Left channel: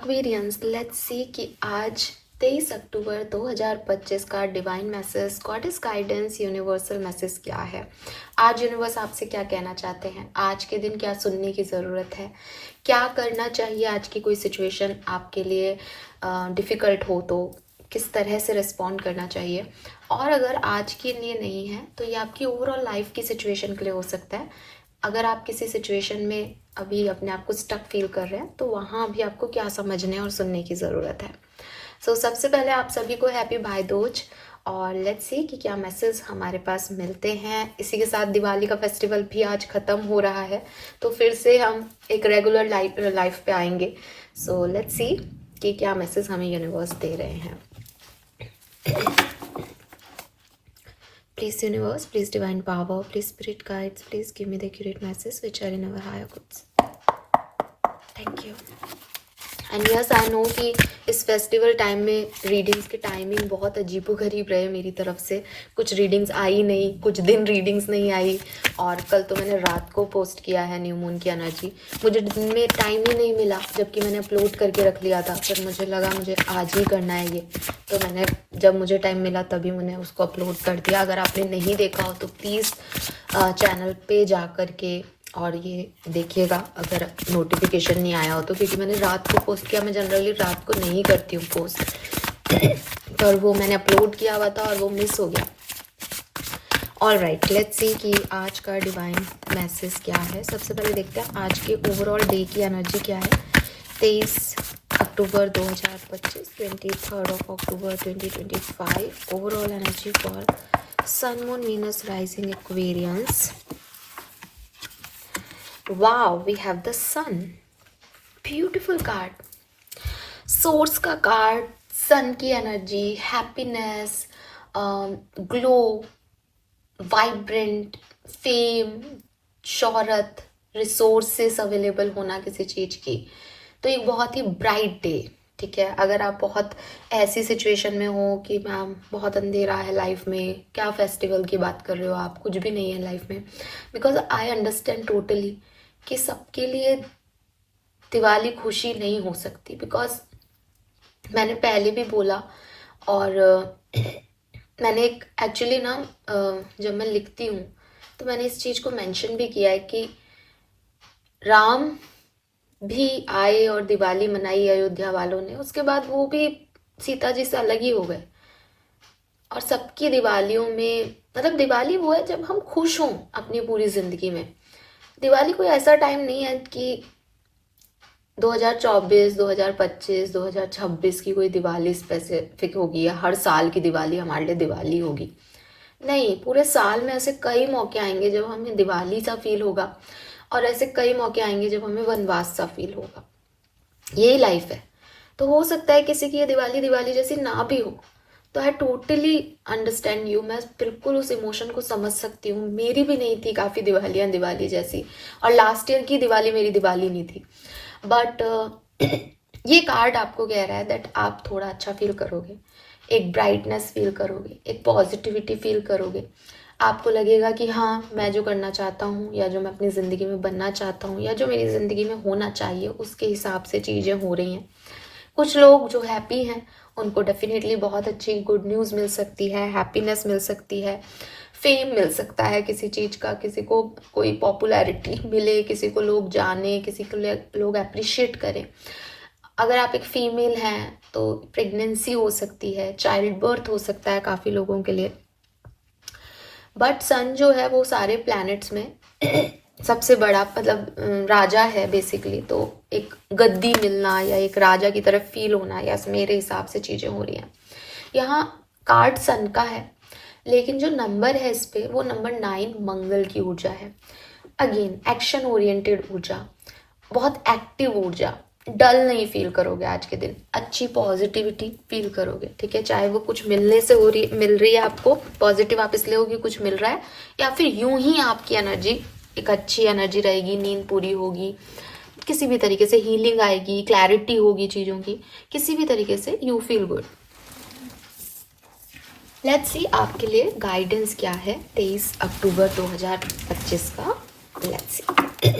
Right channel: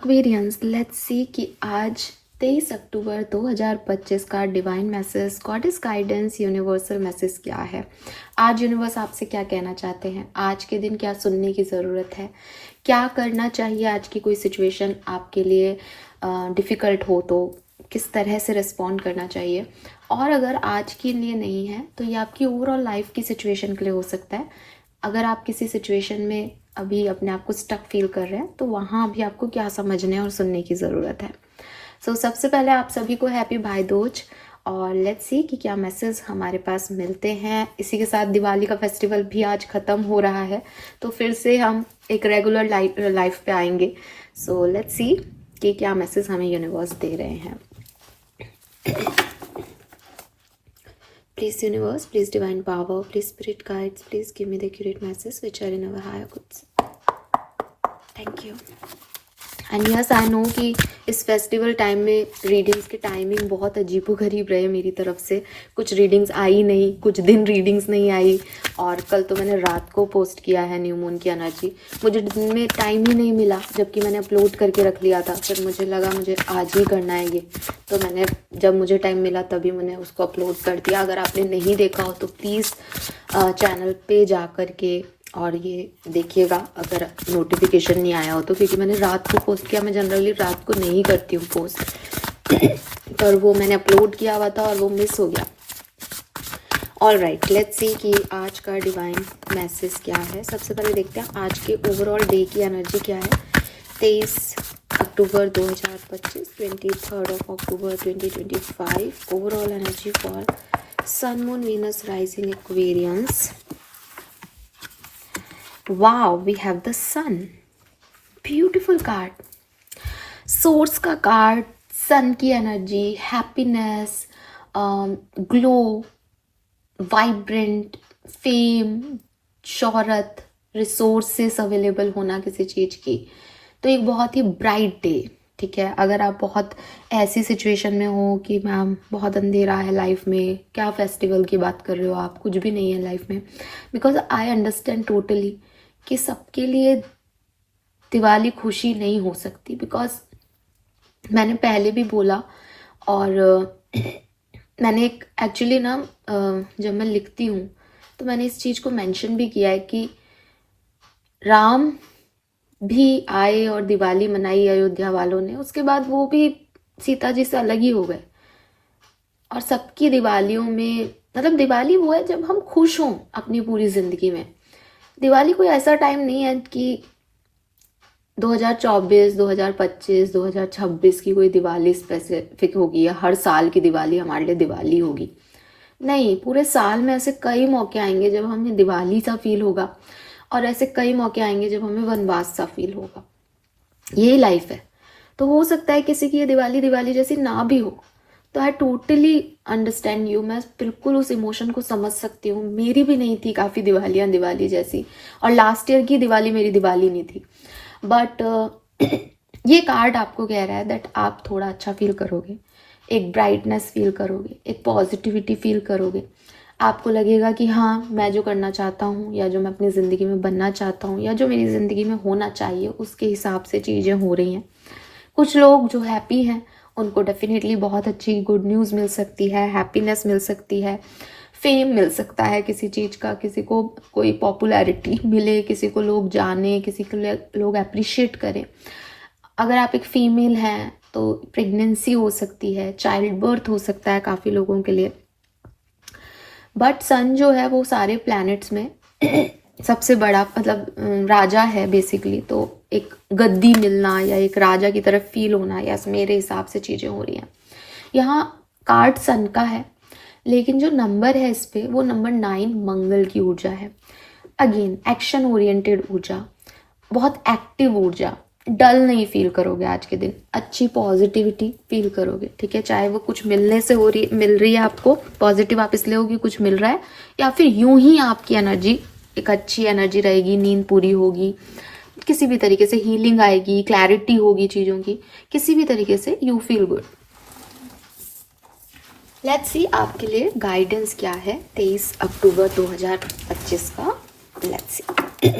Aquarians, let's see कि आज 23 October 2025 का divine message, goddess guidance, universal message क्या है। आज यूनिवर्स आपसे क्या कहना चाहते हैं, आज के दिन क्या सुनने की ज़रूरत है, क्या करना चाहिए, आज की कोई सिचुएशन आपके लिए डिफ़िकल्ट हो तो किस तरह से रिस्पॉन्ड करना चाहिए। और अगर आज के लिए नहीं है तो ये आपकी ओवरऑल लाइफ की सिचुएशन के लिए हो सकता है। अगर आप किसी सिचुएशन में अभी अपने आप को स्टक फील कर रहे हैं तो वहाँ अभी आपको क्या समझने और सुनने की ज़रूरत है। सबसे पहले आप सभी को हैप्पी भाई दूज, और लेट्स सी कि क्या मैसेज हमारे पास मिलते हैं। इसी के साथ दिवाली का फेस्टिवल भी आज ख़त्म हो रहा है तो फिर से हम एक रेगुलर लाइफ पे आएंगे। लेट्स सी कि क्या मैसेज हमें यूनिवर्स दे रहे हैं। Please universe, please divine power, please spirit guides, please give me the accurate message which are in our higher goods. Thank you. And yes I know कि इस festival time में readings की timing बहुत अजीबोगरीब रहे मेरी तरफ से। कुछ रीडिंग्स आई नहीं, कुछ दिन रीडिंग्स नहीं आई, और कल तो मैंने रात को पोस्ट किया है न्यू मून की एनर्जी। मुझे दिन में टाइम ही नहीं मिला, जबकि मैंने अपलोड करके रख लिया था। फिर मुझे लगा मुझे आज ही करना है ये, तो मैंने जब मुझे टाइम मिला तभी मैंने उसको अपलोड कर दिया। अगर आपने नहीं देखा हो तो प्लीज़ चैनल पे जा कर के और ये देखिएगा अगर नोटिफिकेशन नहीं आया हो तो, क्योंकि मैंने रात को पोस्ट किया। मैं जनरली रात को नहीं करती हूँ पोस्ट, पर वो मैंने अपलोड किया हुआ था और वो मिस हो गया। ऑल राइट, लेट्स सी कि आज का डिवाइन मैसेज क्या है। सबसे पहले देखते हैं आज के ओवरऑल डे की एनर्जी क्या है। 23 October 2025, 23 October 2025, overall energy for sun, moon, Venus, rising, Aquarians. Wow, we have the sun. Beautiful card. Source का कार्ड, सन की energy, happiness, glow, vibrant, fame, शोहरत, रिसोर्सेस अवेलेबल होना किसी चीज़ की। तो एक बहुत ही ब्राइट डे, ठीक है। अगर आप बहुत ऐसी सिचुएशन में हो कि मैम बहुत अंधेरा है लाइफ में, क्या फेस्टिवल की बात कर रहे हो आप, कुछ भी नहीं है लाइफ में, बिकॉज आई अंडरस्टैंड टोटली कि सबके लिए दिवाली खुशी नहीं हो सकती। बिकॉज मैंने पहले भी बोला, और मैंने एक एक्चुअली ना जब मैं लिखती हूँ तो मैंने इस चीज़ को मेंशन भी किया है कि राम भी आए और दिवाली मनाई अयोध्या वालों ने, उसके बाद वो भी सीता जी से अलग ही हो गए। और सबकी दिवालियों में, मतलब दिवाली वो है जब हम खुश हों अपनी पूरी ज़िंदगी में। दिवाली कोई ऐसा टाइम नहीं है कि 2024, 2025, 2026 की कोई दिवाली स्पेसिफिक होगी या हर साल की दिवाली हमारे लिए दिवाली होगी। नहीं, पूरे साल में ऐसे कई मौके आएंगे जब हमें दिवाली सा फील होगा, और ऐसे कई मौके आएंगे जब हमें वनवास सा फील होगा। यही लाइफ है। तो हो सकता है किसी की ये दिवाली दिवाली जैसी ना भी हो, तो आई टोटली अंडरस्टैंड यू। मैं बिल्कुल उस इमोशन को समझ सकती हूँ। मेरी भी नहीं थी काफ़ी दिवालियाँ दिवाली जैसी, और लास्ट ईयर की दिवाली मेरी दिवाली नहीं थी। बट ये कार्ड आपको कह रहा है दैट आप थोड़ा अच्छा फील करोगे, एक ब्राइटनेस फील करोगे, एक पॉजिटिविटी फील करोगे। आपको लगेगा कि हाँ, मैं जो करना चाहता हूँ या जो मैं अपनी ज़िंदगी में बनना चाहता हूँ या जो मेरी ज़िंदगी में होना चाहिए उसके हिसाब से चीज़ें हो रही हैं। कुछ लोग जो हैप्पी हैं उनको डेफिनेटली बहुत अच्छी गुड न्यूज़ मिल सकती है, हैप्पीनेस मिल सकती है, फेम मिल सकता है किसी चीज़ का, किसी को कोई पॉपुलैरिटी मिले, किसी को लोग जाने, किसी को लोग अप्रिशिएट करें। अगर आप एक फीमेल हैं तो प्रेगनेंसी हो सकती है, चाइल्ड बर्थ हो सकता है काफ़ी लोगों के लिए। बट सन जो है वो सारे प्लैनेट्स में सबसे बड़ा, मतलब राजा है बेसिकली। तो एक गद्दी मिलना या एक राजा की तरफ फील होना, या मेरे हिसाब से चीज़ें हो रही हैं। यहाँ कार्ड सन का है, लेकिन जो नंबर है इस पे वो नंबर 9 मंगल की ऊर्जा है। अगेन एक्शन ओरिएंटेड ऊर्जा, बहुत एक्टिव ऊर्जा। डल नहीं फील करोगे आज के दिन, अच्छी पॉजिटिविटी फील करोगे, ठीक है। चाहे वो कुछ मिलने से मिल रही है आपको पॉजिटिव, आप इसलिए हो कि कुछ मिल रहा है, या फिर यूं ही आपकी एनर्जी एक अच्छी एनर्जी रहेगी, नींद पूरी होगी, किसी भी तरीके से हीलिंग आएगी, क्लैरिटी होगी चीज़ों की, किसी भी तरीके से you feel good. Let's see आपके लिए गाइडेंस क्या है 23 अक्टूबर 2025 का। Let's see.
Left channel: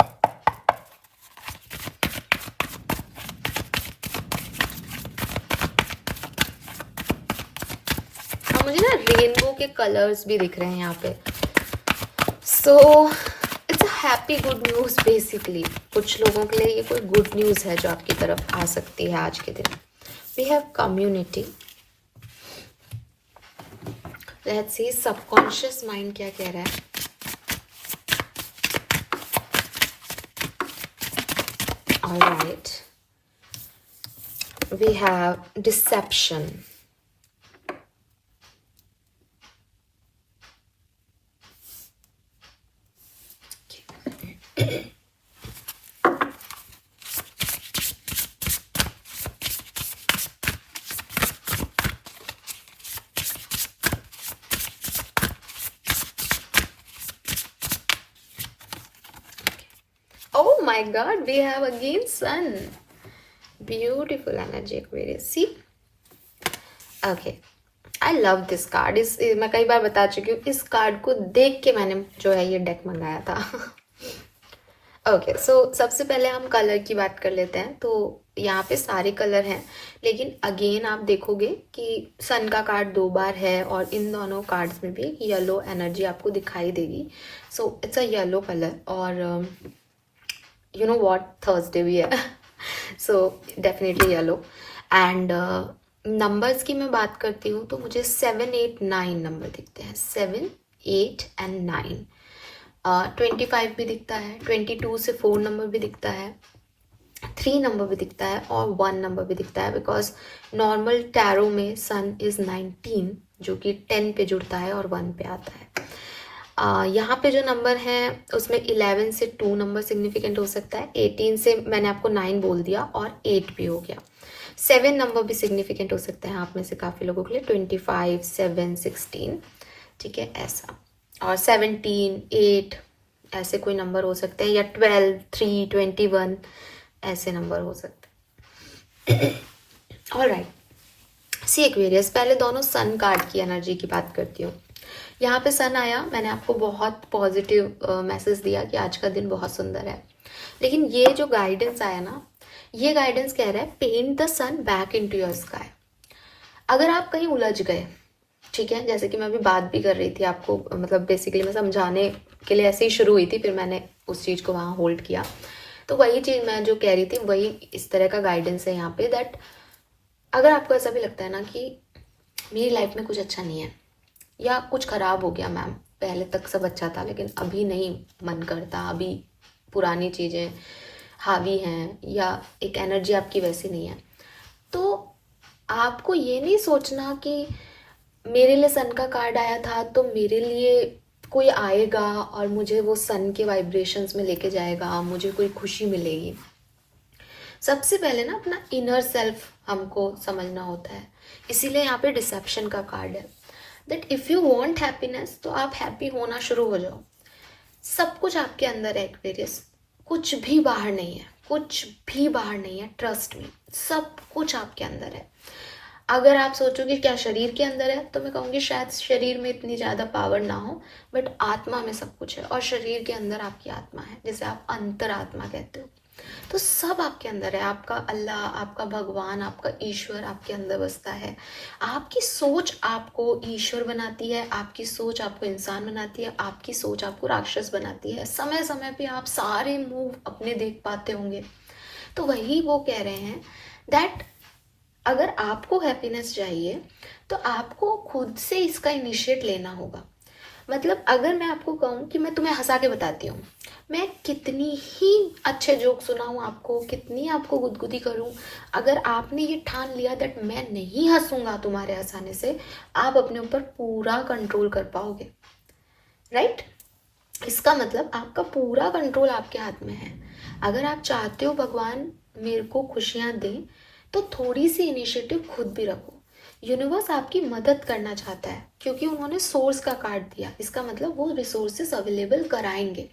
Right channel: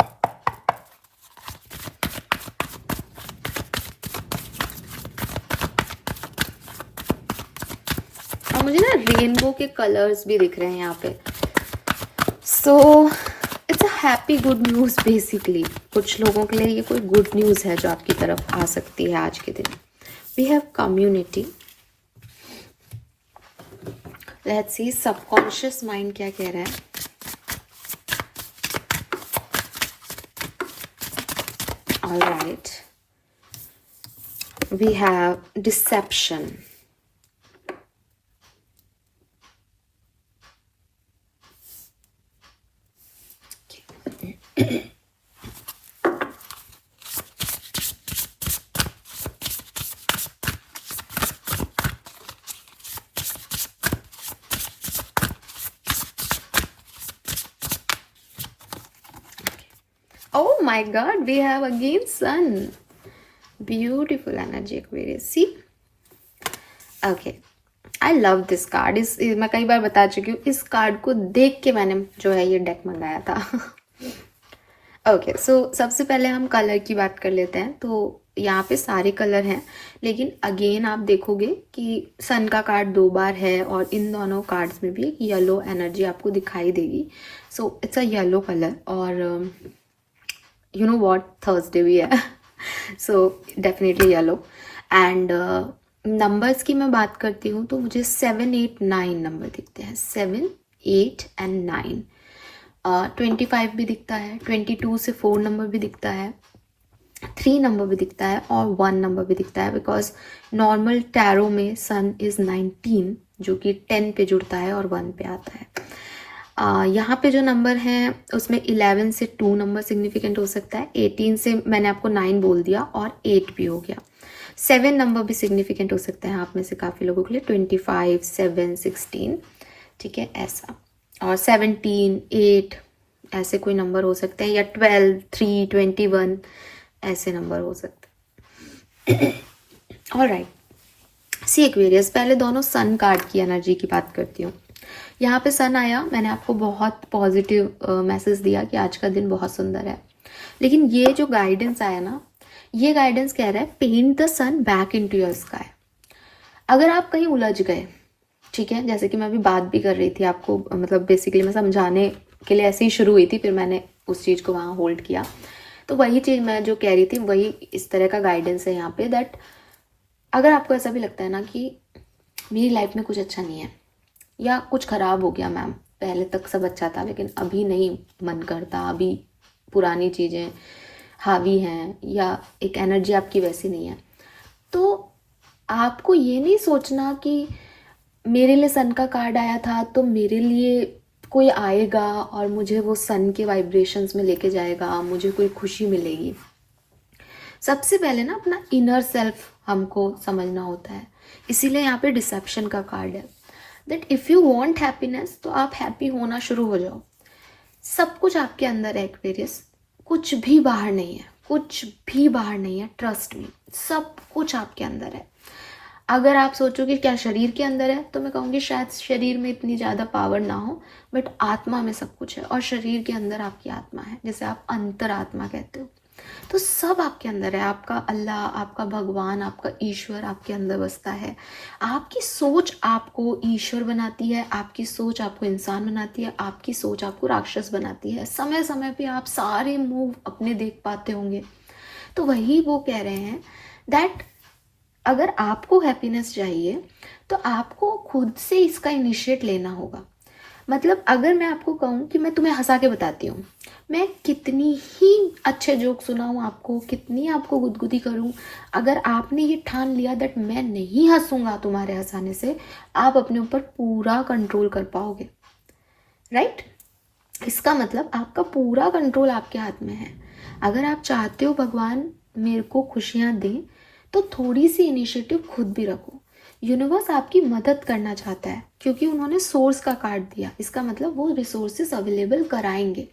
रेनबो के कलर्स भी दिख रहे हैं यहाँ पे। So it's a happy good news basically. कुछ लोगों के लिए ये कोई गुड न्यूज़ है जो आपकी तरफ आ सकती है आज के दिन। We have community. Let's see subconscious mind क्या कह रहा है। Alright, we have deception. Oh my God, we have again sun. Beautiful energy, Aquarius. See? Okay. I love this card. मैं कई बार बता चुकी हूँ, इस कार्ड को देख के मैंने जो है ये डेक मंगाया था। ओके, सो सबसे पहले हम कलर की बात कर लेते हैं। तो यहाँ पे सारे कलर हैं, लेकिन अगेन आप देखोगे कि सन का कार्ड 2 बार है और इन दोनों कार्ड्स में भी येलो एनर्जी आपको दिखाई देगी। So it's a yellow colour और यू नो व्हाट, थर्सडे भी है। So definitely yellow. And numbers की मैं बात करती हूँ तो मुझे 7, 8, 9 नंबर दिखते हैं। 7, 8 एंड 9। 25 भी दिखता है, 22 से 4 नंबर भी दिखता है, 3 नंबर भी दिखता है और 1 नंबर भी दिखता है। बिकॉज नॉर्मल टैरो में सन इज 19 जो कि 10 पे जुड़ता है और 1 पे आता है। यहाँ पे जो नंबर हैं उसमें 11 से 2 नंबर सिग्निफिकेंट हो सकता है, 18 से मैंने आपको 9 बोल दिया और 8 भी हो गया। 7 नंबर भी सिग्निफिकेंट हो सकता है आप में से काफ़ी लोगों के लिए, 25, 7, 16, ठीक है ऐसा। और 17, 8 ऐसे कोई नंबर हो सकते हैं, या 12, 3, 21 ऐसे नंबर हो सकते हैं। ऑलराइट, सी एक्वेरियस, पहले दोनों सन कार्ड की एनर्जी की बात करती हूँ। यहाँ पे सन आया, मैंने आपको बहुत पॉजिटिव मैसेज दिया कि आज का दिन बहुत सुंदर है। लेकिन ये जो गाइडेंस आया ना, ये गाइडेंस कह रहा है paint the sun back into your sky. अगर आप कहीं उलझ गए, ठीक है, जैसे कि मैं अभी बात भी कर रही थी आपको, मतलब बेसिकली मैं समझाने के लिए ऐसे ही शुरू हुई थी, फिर मैंने उस चीज़ को वहाँ होल्ड किया। तो वही चीज़ मैं जो कह रही थी वही इस तरह का गाइडेंस है यहाँ पे, दैट अगर आपको ऐसा भी लगता है ना कि मेरी लाइफ में कुछ अच्छा नहीं है या कुछ खराब हो गया मैम, पहले तक सब अच्छा था लेकिन अभी नहीं मन करता, अभी पुरानी चीज़ें हावी हैं या एक एनर्जी आपकी वैसी नहीं है, तो आपको ये नहीं सोचना कि मेरे लिए सन का कार्ड आया था तो मेरे लिए कोई आएगा और मुझे वो सन के वाइब्रेशंस में लेके जाएगा, मुझे कोई खुशी मिलेगी। सबसे पहले ना अपना इनर सेल्फ हमको समझना होता है। इसीलिए यहाँ पे डिसेप्शन का कार्ड है, that if you want happiness तो आप हैप्पी होना शुरू हो जाओ। सब कुछ आपके अंदर है एक्वेरियस, कुछ भी बाहर नहीं है, कुछ भी बाहर नहीं है, ट्रस्ट मी, सब कुछ आपके अंदर है। अगर आप सोचो कि क्या शरीर के अंदर है, तो मैं कहूँगी शायद शरीर में इतनी ज़्यादा पावर ना हो, बट आत्मा में सब कुछ है और शरीर के अंदर आपकी आत्मा है, जिसे आप अंतरात्मा कहते हो। तो सब आपके अंदर है, आपका अल्लाह, आपका भगवान, आपका ईश्वर आपके अंदर बसता है। आपकी सोच आपको ईश्वर बनाती है, आपकी सोच आपको इंसान बनाती है, आपकी सोच आपको राक्षस बनाती है। समय समय पे आप सारे मूव अपने देख पाते होंगे। तो वही वो कह रहे हैं दैट अगर आपको हैप्पीनेस चाहिए तो आपको खुद से इसका इनिशिएट लेना होगा। मतलब अगर मैं आपको कहूँ कि मैं तुम्हें हंसा के बताती हूँ, मैं कितनी ही अच्छे जोक सुनाऊँ आपको, कितनी आपको गुदगुदी करूँ, अगर आपने ये ठान लिया दैट मैं नहीं हंसूंगा तुम्हारे हंसाने से, आप अपने ऊपर पूरा कंट्रोल कर पाओगे, राइट? इसका मतलब आपका पूरा कंट्रोल आपके हाथ में है। अगर आप चाहते हो भगवान मेरे को खुशियाँ दें, तो थोड़ी सी इनिशिएटिव खुद भी रखो। यूनिवर्स आपकी मदद करना चाहता है क्योंकि उन्होंने सोर्स का कार्ड दिया, इसका मतलब वो रिसोर्सेस अवेलेबल कराएंगे।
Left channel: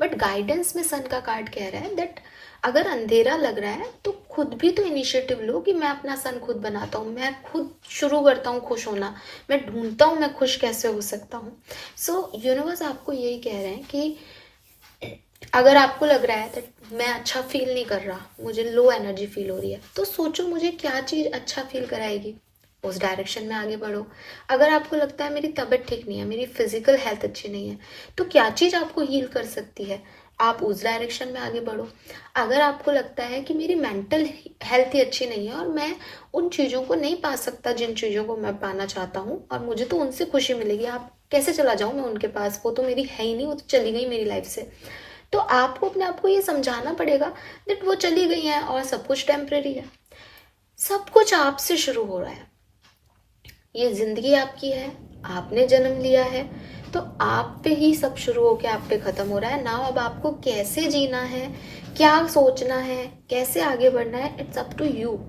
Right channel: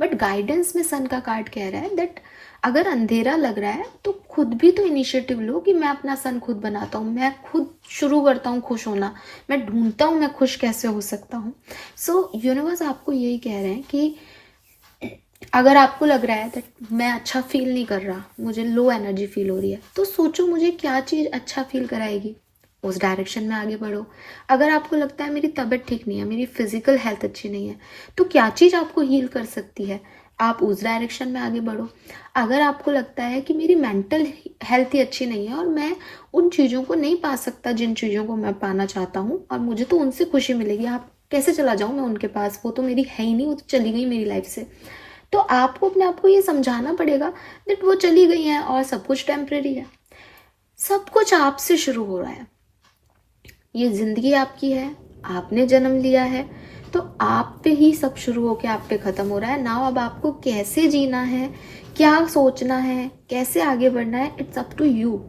बट गाइडेंस में सन का कार्ड कह रहा है दैट अगर अंधेरा लग रहा है तो खुद भी तो इनिशिएटिव लो कि मैं अपना सन खुद बनाता हूँ, मैं खुद शुरू करता हूँ खुश होना, मैं ढूंढता हूँ मैं खुश कैसे हो सकता हूँ। सो यूनिवर्स आपको यही कह रहे हैं कि अगर आपको लग रहा है कि मैं अच्छा फील नहीं कर रहा, मुझे लो एनर्जी फील हो रही है, तो सोचो मुझे क्या चीज़ अच्छा फील कराएगी। उस डायरेक्शन में आगे बढ़ो। अगर आपको लगता है मेरी तबीयत ठीक नहीं है, मेरी फिजिकल हेल्थ अच्छी नहीं है, तो क्या चीज़ आपको हील कर सकती है, आप उस डायरेक्शन में आगे बढ़ो। अगर आपको लगता है कि मेरी मेंटल हेल्थ ही अच्छी नहीं है और मैं उन चीज़ों को नहीं पा सकता जिन चीज़ों को मैं पाना चाहता हूँ, और मुझे तो उनसे खुशी मिलेगी, आप कैसे चला जाऊँ मैं उनके पास, वो तो मेरी है ही नहीं, वो तो चली गई मेरी लाइफ से। तो आपको अपने आप को ये समझाना पड़ेगा दैट वो चली गई है और सब कुछ टेम्परेरी है। सब कुछ आपसे शुरू हो रहा है। ये जिंदगी आपकी है, आपने जन्म लिया है, तो आप पे ही सब शुरू होके आप पे खत्म हो रहा है ना। अब आपको कैसे जीना है, क्या सोचना है, कैसे आगे बढ़ना है, it's up to you.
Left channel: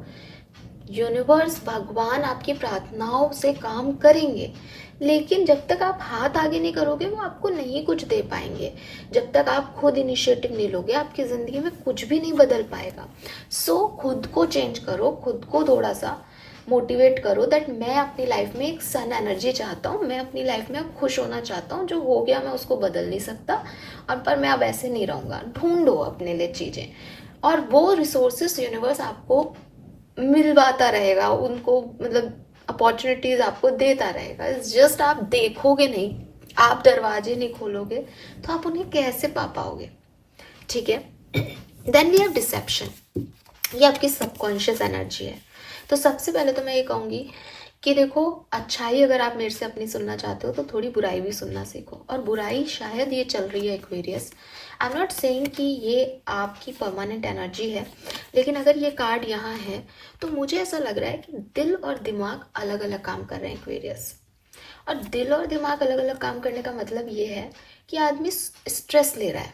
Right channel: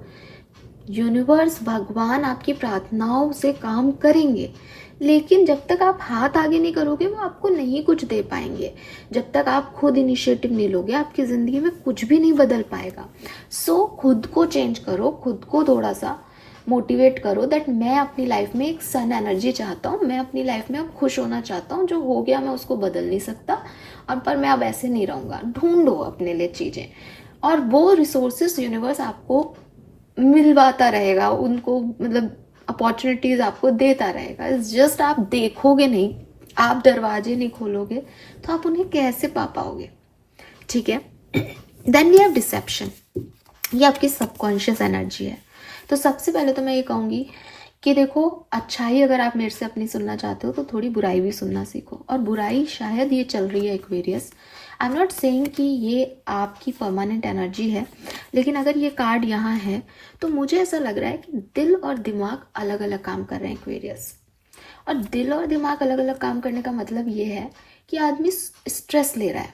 Universe, भगवान आपकी प्रार्थनाओं से काम करेंगे, लेकिन जब तक आप हाथ आगे नहीं करोगे वो आपको नहीं कुछ दे पाएंगे। जब तक आप खुद इनिशिएटिव नहीं लोगे आपकी ज़िंदगी में कुछ भी नहीं बदल पाएगा। सो खुद को चेंज करो, खुद को थोड़ा सा मोटिवेट करो दैट मैं अपनी लाइफ में एक सन एनर्जी चाहता हूँ, मैं अपनी लाइफ में अब खुश होना चाहता हूँ। जो हो गया मैं उसको बदल नहीं सकता, और पर मैं अब ऐसे नहीं रहूँगा। ढूंढो अपने लिए चीज़ें, और वो रिसोर्सेस यूनिवर्स आपको मिलवाता रहेगा, उनको मतलब अपॉर्चुनिटीज आपको देता रहेगा। इट्स जस्ट आप देखोगे नहीं, आप दरवाजे नहीं खोलोगे तो आप उन्हें कैसे पा पाओगे। ठीक है। Then we have deception. ये आपकी सबकॉन्शियस एनर्जी है। तो सबसे पहले तो मैं ये कहूँगी कि देखो, अच्छाई अगर आप मेरे से अपनी सुनना चाहते हो तो थोड़ी बुराई भी सुनना सीखो। और बुराई शायद ये चल रही है Aquarius, I am not saying कि ये आपकी परमानेंट एनर्जी है, लेकिन अगर ये कार्ड यहाँ है तो मुझे ऐसा लग रहा है कि दिल और दिमाग अलग अलग काम कर रहे हैं एक्वेरियस। और दिल और दिमाग अलग अलग काम करने का मतलब ये है कि आदमी स्ट्रेस ले रहा है।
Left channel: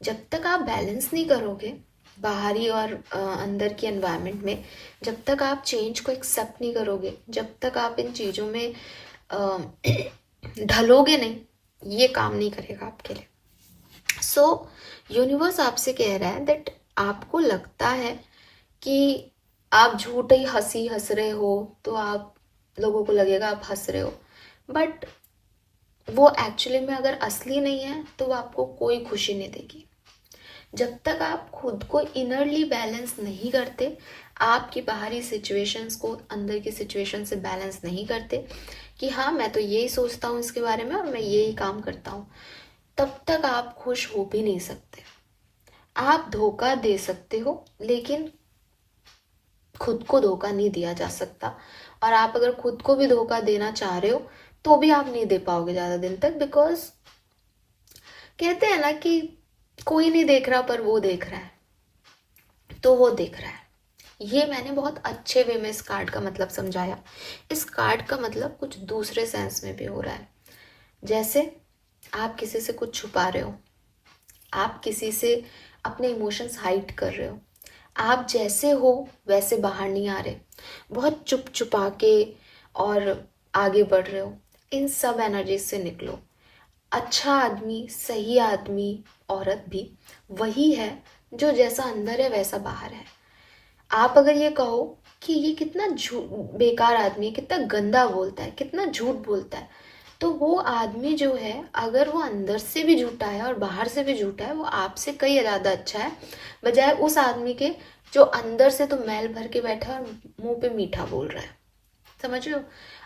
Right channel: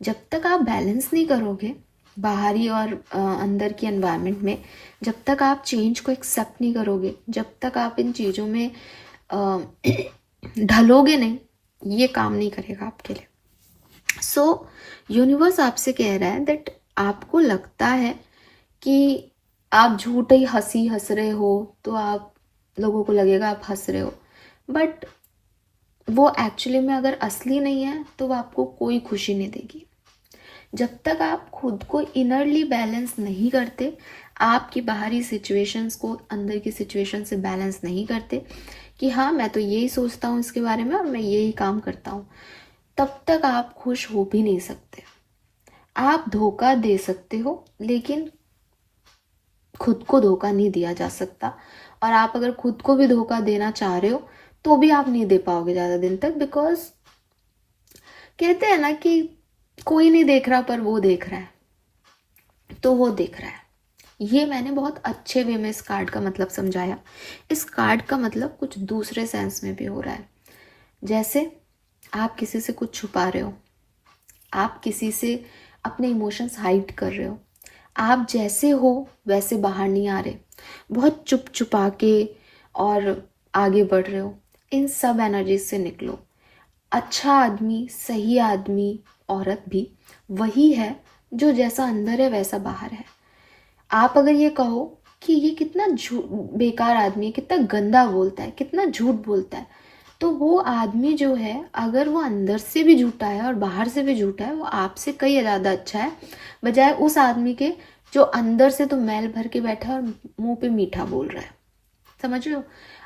जब तक आप बैलेंस नहीं करोगे बाहरी और अंदर की एनवायरनमेंट में, जब तक आप चेंज को एक्सेप्ट नहीं करोगे, जब तक आप इन चीज़ों में ढलोगे नहीं, ये काम नहीं करेगा आपके लिए। सो यूनिवर्स आपसे कह रहा है दैट आपको लगता है कि आप झूठी हंसी हंस रहे हो तो आप लोगों को लगेगा आप हंस रहे हो, बट वो एक्चुअली में अगर असली नहीं है तो वो आपको कोई खुशी नहीं देगी। जब तक आप खुद को इनरली बैलेंस नहीं करते, आपकी बाहरी सिचुएशंस को अंदर की सिचुएशन से बैलेंस नहीं करते कि हाँ मैं तो यही सोचता हूँ इसके बारे में और मैं यही काम करता हूँ, तब तक आप खुश हो भी नहीं सकते। आप धोखा दे सकते हो लेकिन खुद को धोखा नहीं दिया जा सकता। और आप अगर खुद को भी धोखा देना चाह रहे हो तो भी आप नहीं दे पाओगे ज़्यादा दिन तक, बिकॉज कहते हैं ना कि कोई नहीं देख रहा पर वो देख रहा है, तो वो देख रहा है। ये मैंने बहुत अच्छे वे में इस कार्ड का मतलब समझाया। इस कार्ड का मतलब कुछ दूसरे सेंस में भी हो रहा है। जैसे आप किसी से कुछ छुपा रहे हो, आप किसी से अपने इमोशंस हाइड कर रहे हो, आप जैसे हो वैसे बाहर नहीं आ रहे, बहुत चुप चुपा के और आगे बढ़ रहे हो। इन सब एनर्जी से निकलो। अच्छा आदमी, सही आदमी, औरत भी वही है जो जैसा अंदर है वैसा बाहर है। आप अगर ये कहो कि ये कितना बेकार आदमी है, कितना गंदा बोलता है, कितना झूठ बोलता है, तो वो आदमी जो है अगर वो अंदर से भी झूठा है और बाहर से भी झूठा है, वो आपसे कई ज़्यादा अच्छा है बजाय उस आदमी के जो अंदर से तो मैल भर के बैठा है और मुंह पे मीठा बोल रहा है। समझ रहे हो?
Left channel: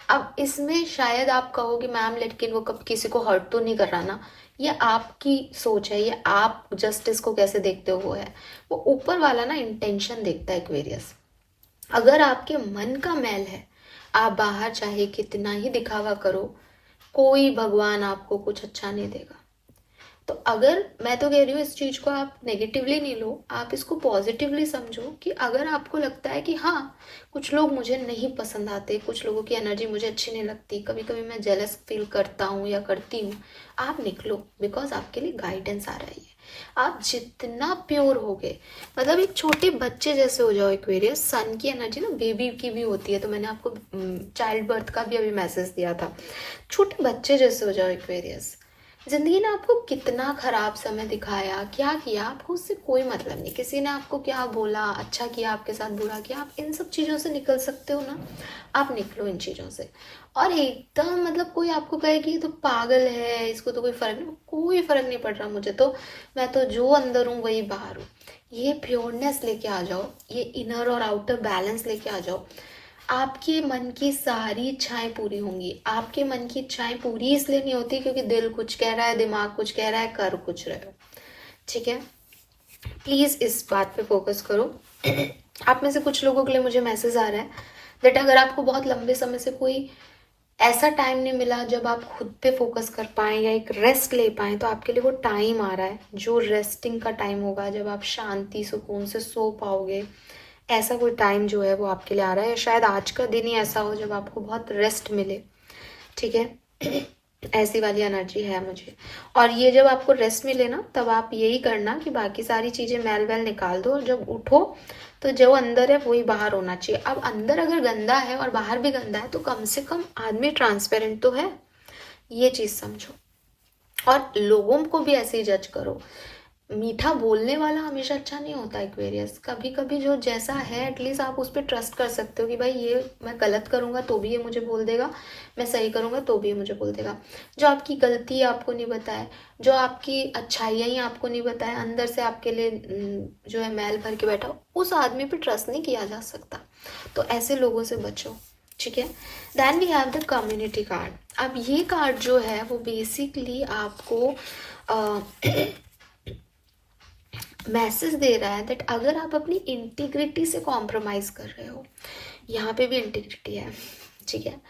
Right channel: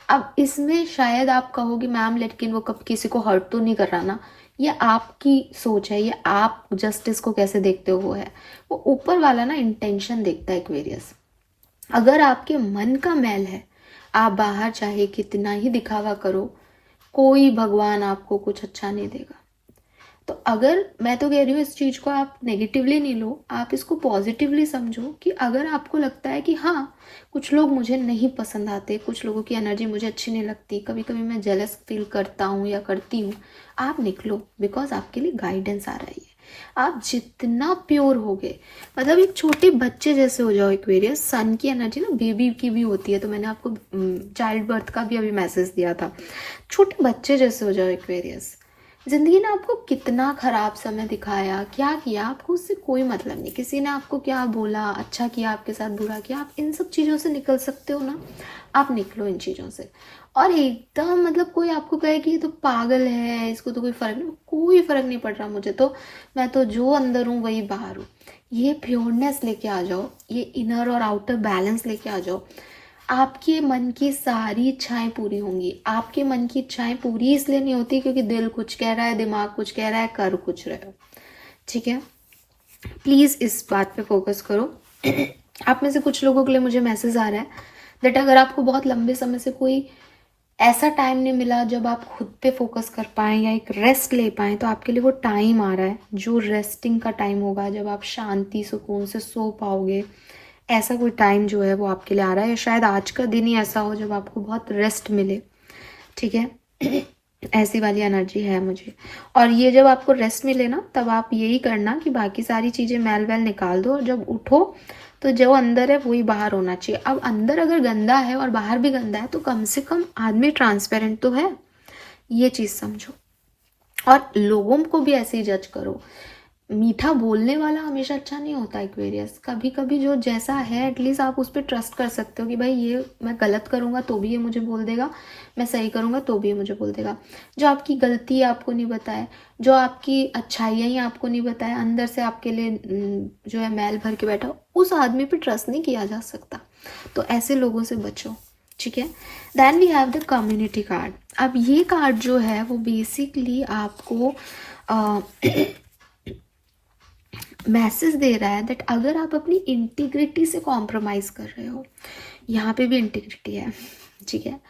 अब इसमें शायद आप कहोगे मैम लेकिन वो कब किसी को हर्ट तो नहीं कर रहा ना। ये आपकी सोच है, ये आप जस्टिस को कैसे देखते हो वो है। वो ऊपर वाला ना इंटेंशन देखता है एक्वेरियस। अगर आपके मन का मैल है, आप बाहर चाहे कितना ही दिखावा करो, कोई भगवान आपको कुछ अच्छा नहीं देगा। तो अगर मैं तो कह रही हूँ इस चीज को आप नेगेटिवली नहीं लो, आप इसको पॉजिटिवली समझो कि अगर आपको लगता है कि हाँ कुछ लोग मुझे नहीं पसंद आते, कुछ लोगों की एनर्जी मुझे अच्छी नहीं लगती, कभी कभी मैं जेलस फील करता हूँ या करती हूँ, आप निकलो, बिकॉज आपके लिए गाइडेंस आ रही है। आप जितना प्योर होगे, मतलब एक छोटे बच्चे जैसे हो जाओ एक्वेरियस। सन की एनर्जी ना बेबी की भी होती है, तो मैंने आपको चाइल्ड बर्थ का भी अभी मैसेज दिया था। छोटे बच्चे जैसे हो जाओ एक्वेरियस। जिंदगी ने आपको कितना खराब समय दिखाया, क्या किया, आपको उससे कोई मतलब नहीं। किसी ने आपको क्या बोला, अच्छा किया आपके साथ, बुरा किया, आप इन सब चीज़ों से निकल सकते हो ना। आप निकलो इन चीज़ों से। और एकदम मतलब कोई आपको कहे कि ये तो पागल है, इसको तो कोई फर्क नहीं, कोई फर्क नहीं पड़ रहा मुझे तो, मैं तो जो अंदर हूँ वही बाहर हूँ। ये प्योरनेस लेके आ जाओ, ये इनर और आउटर बैलेंस लेके आ जाओ। आपके मन की सारी इच्छाएं पूरी होंगी। आपके मन की इच्छाएं पूरी इसलिए नहीं होती क्योंकि दिल कुछ कह रहा है, दिमाग कुछ कह रहा है, कर कुछ रहे हो। ठीक है, प्लीज इस बात पे फोकस करो। आप में से कुछ लोगों के लिए मुझे मैसेज आ रहा है दैट अगर आपको बहुत लंबे समय से कोई ऐसा टाइम नहीं मिला जब आप खुद पे फोकस कर पाएँ या एक रेस्ट ले पाएँ, तो आपके लिए वो टाइम आ रहा है जो रेस्टिंग का टाइम होगा, जब आप शांति सुकून से सो पाओगे। ऐसा कोई टाइम जो है वो आपके लिए आ रहा है, या शायद आज का दिन ही ऐसा हो जब आपको बहुत रेस्ट मिले। ठीक है, ऐसी वाली एनर्जी है मुझे। और ये जब आपको रेस्ट मिले ना, तब आप यही करना कि बाकी सारी चीज़ें मैल वैल निकाल दो, और जब उठो तो जो अंदर है वही बाहर होना चाहिए। अब अंदर अगर गंदा है और बाहर भी गंदा है तो कम से कम आदमी ट्रांसपेरेंट तो है, ये चीज़ समझो। और लोगों को भी ऐसे ही जज करो। मीठा बोलने वाला हमेशा अच्छा नहीं होता एक्वेरियस। कभी कभी जो जैसा है एटलीस्ट आप उस पर ट्रस्ट कर सकते हो कि भाई ये मैं गलत करूँगा तो भी ये मुझे बोल देगा, मैं सही करूँगा तो भी ये मुझे बोल देगा। जो आपकी गलती आपको नहीं बताए, जो आपकी अच्छाइयाँ ही आपको नहीं बताए, अंदर से आपके लिए जो है मैल भर के बैठा, उस आदमी पे ट्रस्ट नहीं किया जा सकता। तो ऐसे लोगों से बचो। ठीक है, then we have the community card. अब ये कार्ड जो है वो बेसिकली आपको मैसेज दे रहा है दैट अगर आप अपनी इंटीग्रिटी से कॉम्प्रोमाइज़ कर रहे हो, यहाँ पे भी इंटीग्रिटी है। ठीक है,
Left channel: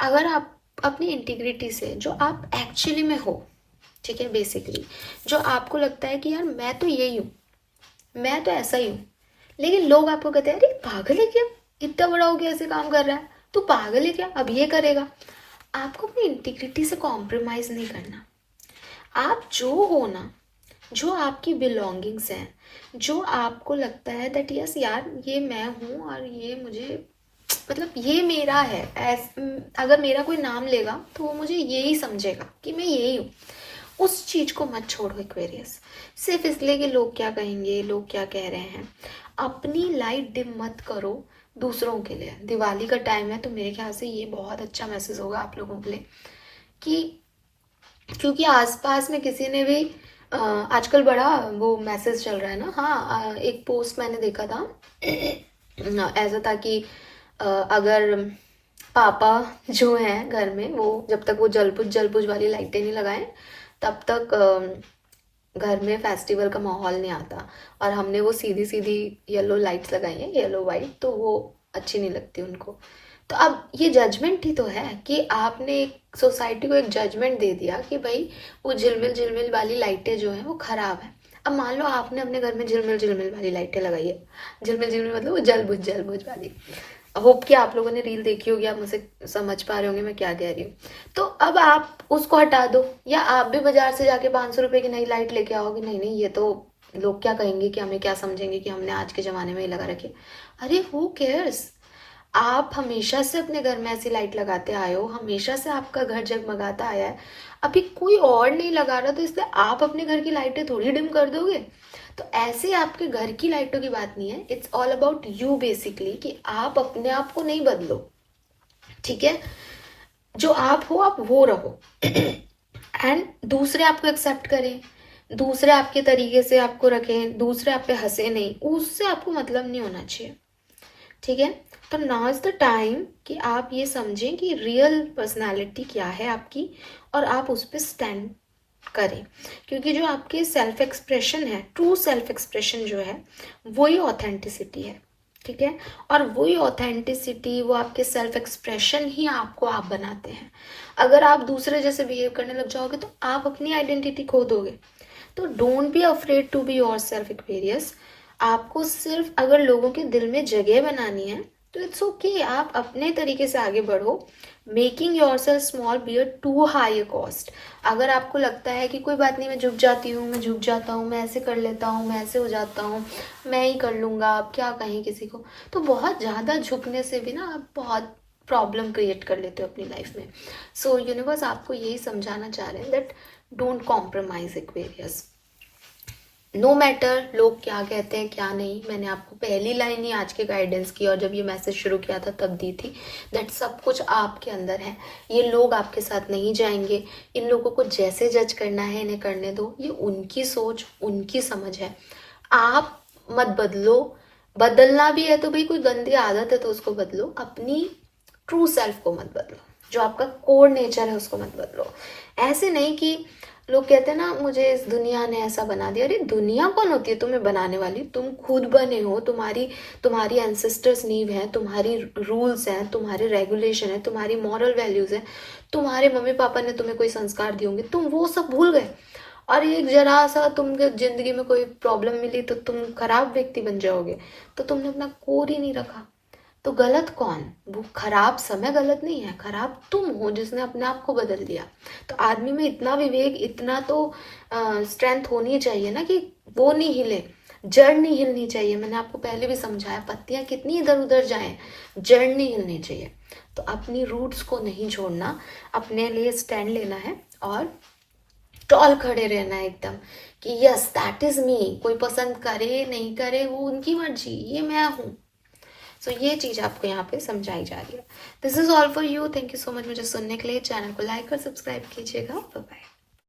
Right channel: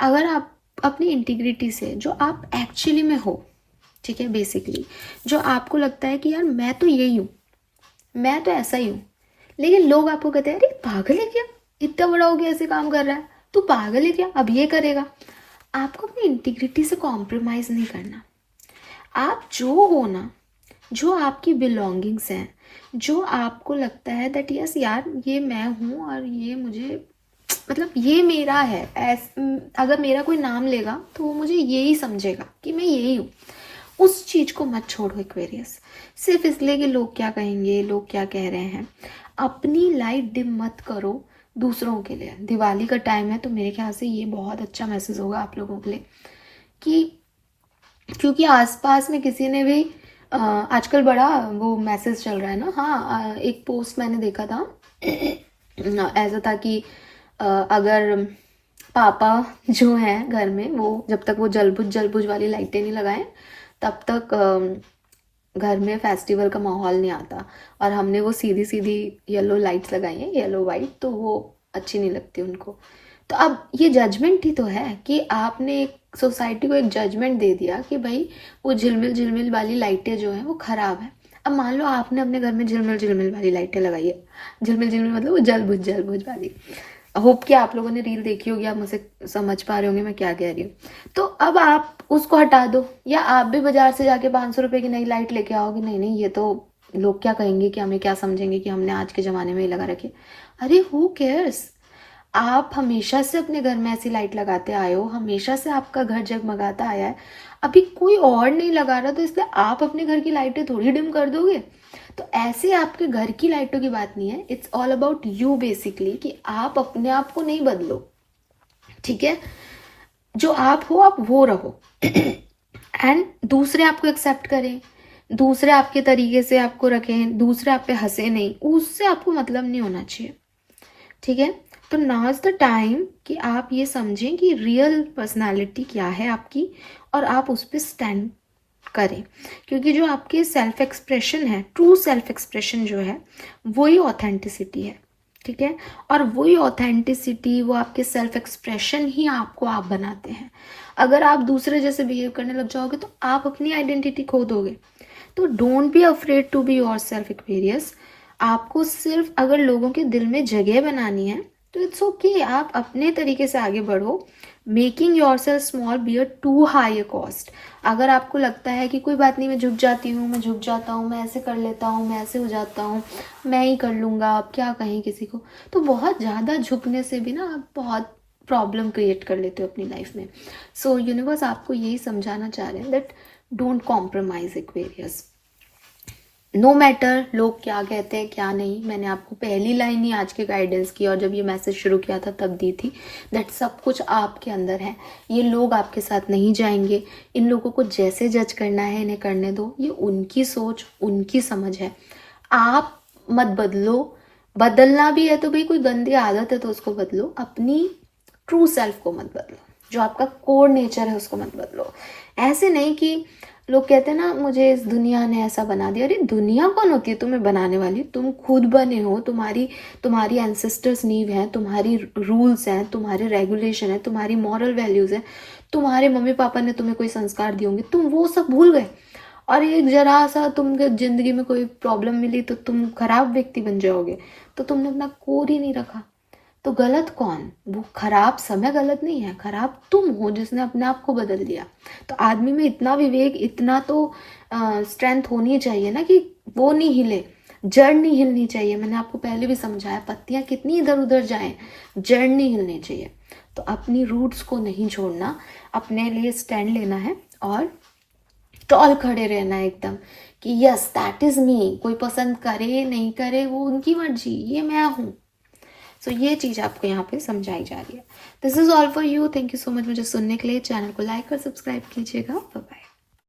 अगर आप अपनी इंटीग्रिटी से जो आप एक्चुअली में हो, ठीक है, बेसिकली जो आपको लगता है कि यार मैं तो यही हूँ, मैं तो ऐसा ही हूँ, लेकिन लोग आपको कहते हैं अरे पागल है क्या, इतना बड़ा हो गया ऐसे काम कर रहा है, तू पागल है क्या, अब ये करेगा। आपको अपनी इंटीग्रिटी से कॉम्प्रोमाइज़ नहीं करना। आप जो हो ना, जो आपकी बिलोंगिंग्स हैं, जो आपको लगता है दैट यस यार ये मैं हूँ और ये मुझे मतलब ये मेरा है, अगर मेरा कोई नाम लेगा तो वो मुझे यही समझेगा कि मैं यही हूँ, उस चीज़ को मत छोड़ो एक्वेरियस सिर्फ इसलिए कि लोग क्या कहेंगे, लोग क्या कह रहे हैं। अपनी लाइट डिम मत करो दूसरों के लिए। दिवाली का टाइम है तो मेरे ख्याल से ये बहुत अच्छा मैसेज होगा आप लोगों के लिए कि क्योंकि आसपास में किसी ने भी आजकल बड़ा वो मैसेज चल रहा है ना। हाँ, एक पोस्ट मैंने देखा था, ऐसा था कि अगर पापा जो है घर में वो जब तक वो जलबुझ वाली लाइटें नहीं लगाएं तब तक घर में फेस्टिवल का माहौल नहीं आता। और हमने वो सीधी सीधी येलो लाइट्स लगाई हैं, येलो वाइट, तो वो अच्छी नहीं लगती उनको। तो अब ये जजमेंट ही तो है कि आपने एक सोसाइटी को एक जजमेंट दे दिया कि भाई वो झिलमिल वाली लाइटें जो हैं वो खराब है। अब मान लो आपने अपने घर में झिलमिल वाली लाइटें लगाई है, झिलमिल मतलब वो जलबुझ वाली। होप कि आप लोगों ने रील देखी होगी, आप मुझे समझ पा रहे होंगे मैं क्या कह रही हूँ। तो अब आप उसको हटा दो, या आप भी बाजार से जाके 500 रुपए की नई लाइट लेके आओगे। नहीं नहीं, ये तो लोग क्या कहेंगे, कि हमें क्या समझेंगे कि हमने आज के ज़माने में ही लगा रखी। अरे हु केयर्स, आप हमेशा से अपने घर में ऐसी लाइट लगाते आए हो, हमेशा से आपका घर जगमगाता आया है। अभी कोई और नहीं लगा रहा तो इसलिए आप अपने घर की लाइटें थोड़ी डिम कर दोगे। तो ऐसे आपके घर की लाइटों की बात नहीं है, it's all about you basically, कि आप अपने आप को नहीं बदलो। ठीक है, जो आप हो आप वो रहो एंड दूसरे आपको एक्सेप्ट करें, दूसरे आपके तरीके से आपको रखें, दूसरे आप पे हंसे नहीं, उससे आपको मतलब नहीं होना चाहिए। ठीक है, तो नाउ इज द टाइम कि आप ये समझें कि रियल पर्सनालिटी क्या है आपकी, और आप उस पर स्टैंड करें। क्योंकि जो आपके सेल्फ एक्सप्रेशन है, ट्रू सेल्फ एक्सप्रेशन जो है, वही ऑथेंटिसिटी है। ठीक है, और वही ऑथेंटिसिटी, वो आपके सेल्फ एक्सप्रेशन ही आपको आप बनाते हैं। अगर आप दूसरे जैसे बिहेव करने लग जाओगे तो आप अपनी आइडेंटिटी खो दोगे। तो don't be afraid to be yourself Aquarius. आपको सिर्फ अगर लोगों के दिल में जगह बनानी है तो इट्स ओके, आप अपने तरीके से आगे बढ़ो। Making yourself small be a too high cost. अगर आपको लगता है कि कोई बात नहीं, मैं झुक जाती हूँ, मैं झुक जाता हूँ, मैं ऐसे कर लेता हूँ, मैं ऐसे हो जाता हूँ, मैं ही कर लूँगा, आप क्या कहें किसी को, तो बहुत ज़्यादा झुकने से भी ना आप बहुत प्रॉब्लम क्रिएट कर लेते हो अपनी लाइफ में। सो यूनिवर्स आपको यही समझाना चाह रहे हैं that don't compromise Aquarius. No matter लोग क्या कहते हैं क्या नहीं। मैंने आपको पहली लाइन ही आज के गाइडेंस की और जब ये मैसेज शुरू किया था तब दी थी दैट सब कुछ आपके अंदर है। ये लोग आपके साथ नहीं जाएंगे। इन लोगों को जैसे जज करना है इन्हें करने दो, ये उनकी सोच, उनकी समझ है। आप मत बदलो, बदलना भी है तो भाई कोई गंदी आदत है तो उसको बदलो, अपनी ट्रू सेल्फ को मत बदलो, जो आपका कोर नेचर है उसको मत बदलो। ऐसे नहीं कि लोग कहते हैं ना मुझे इस दुनिया ने ऐसा बना दिया, अरे दुनिया कौन होती है तुम्हें बनाने वाली? तुम खुद बने हो, तुम्हारी एंसेस्टर्स नींव है, तुम्हारी रूल्स हैं, तुम्हारे रेगुलेशन है, तुम्हारी मॉरल वैल्यूज है, तुम्हारे मम्मी पापा ने तुम्हें कोई संस्कार दिए होंगे, तुम वो सब भूल गए और एक जरा सा तुमके जिंदगी में कोई प्रॉब्लम मिली तो तुम खराब व्यक्ति बन जाओगे, तो तुमने अपना कोर ही नहीं रखा। तो गलत कौन? वो खराब समय गलत नहीं है, खराब तुम हो जिसने अपने आप को बदल दिया। तो आदमी में इतना विवेक, इतना तो स्ट्रेंथ होनी चाहिए ना कि वो नहीं हिले, जड़ नहीं हिलनी चाहिए। मैंने आपको पहले भी समझाया, पत्तियां कितनी इधर उधर जाएं, जड़ नहीं हिलनी चाहिए। तो अपनी रूट्स को नहीं छोड़ना, अपने लिए स्टैंड लेना है और टॉल खड़े रहना है एकदम कि यस दैट इज मी। कोई पसंद करे नहीं करे वो उनकी मर्जी, ये मैं हूँ। सो ये चीज़ आपको यहाँ पे समझाई जा रही है। This is all for you. Thank you so much मुझे सुनने के लिए। चैनल को लाइक और सब्सक्राइब कीजिएगा। Bye bye.